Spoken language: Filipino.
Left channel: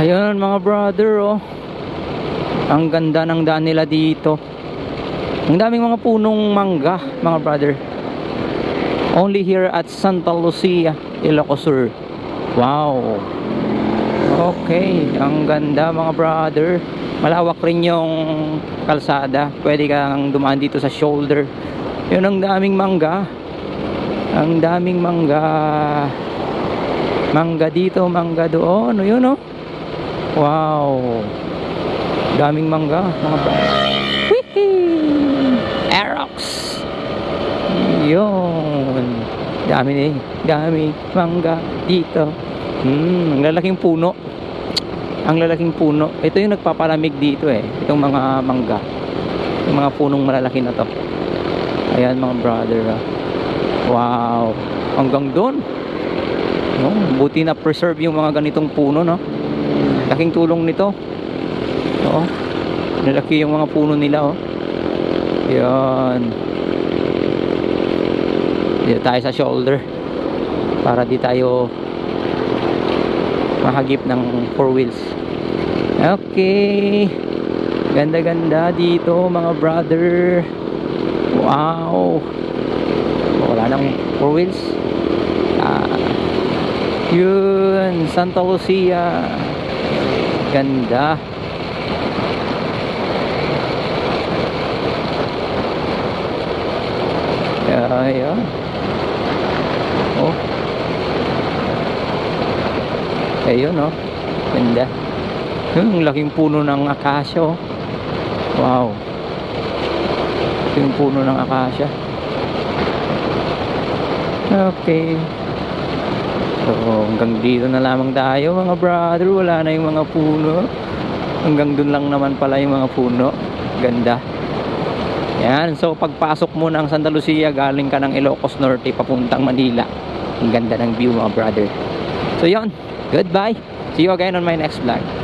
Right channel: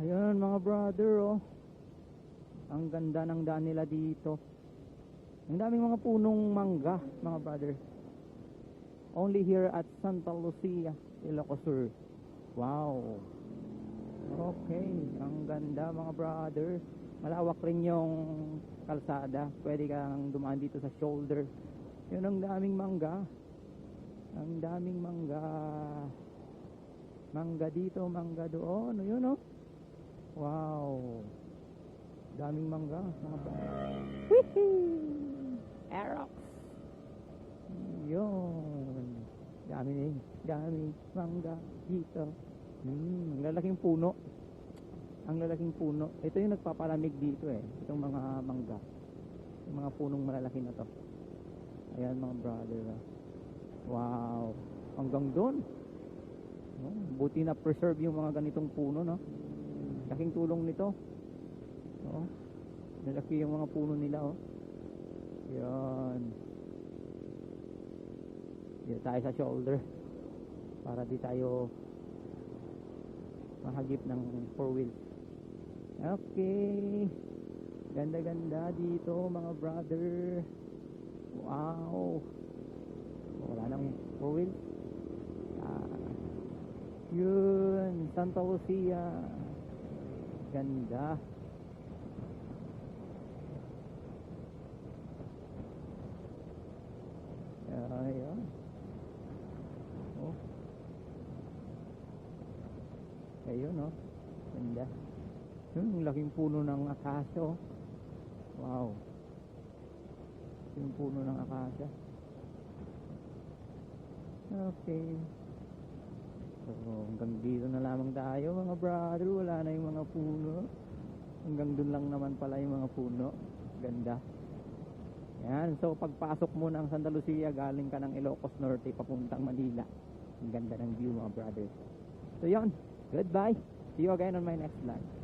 Ayun mga brother oh. Ang ganda ng daan nila dito. Ang daming mga punong mangga mga brother. Only here at Santa Lucia, Ilocos Sur. Wow. Okay, ang ganda mga brother. Malawak rin yung kalsada. Pwede kang dumaan dito sa shoulder. Yun ang daming mangga. Ang daming mangga. Mangga dito, mangga doon. Yun oh. Wow. Daming mangga, mga brother. Wihee! Aerox. Yun. Dami eh. Dami mangga dito. Hmm, ang lalaking puno. Ang lalaking puno. Ito yung nagpapalamig dito eh. Itong mga mangga. Yung mga punong malalaki na to. Ayan mga brother. ah. Wow. Hanggang doon. No, buti na preserve yung mga ganitong puno, no? Laking tulong nito. Oo. Nalaki yung mga puno nila, oh. Yan. Dito tayo sa shoulder. Para di tayo mahagip ng four wheels. Okay. Ganda-ganda dito, mga brother. Wow. Wala nang four wheels. Ah. Yun, Santa Lucia. Ganda. Ayan. Oh. Ayun, oh. Ganda. Yung laking puno ng akasya, oh. Wow. Yung puno ng akasya. Okay. So, hanggang dito na lamang tayo mga brother. Wala na yung mga puno. Hanggang dun lang naman pala yung mga puno. Ganda. Yan. So, pagpasok mo ng Santa Lucia, galing ka ng Ilocos Norte, papuntang Manila. Ang ganda ng view mga brother. So, yon Goodbye. See you again on my next vlog.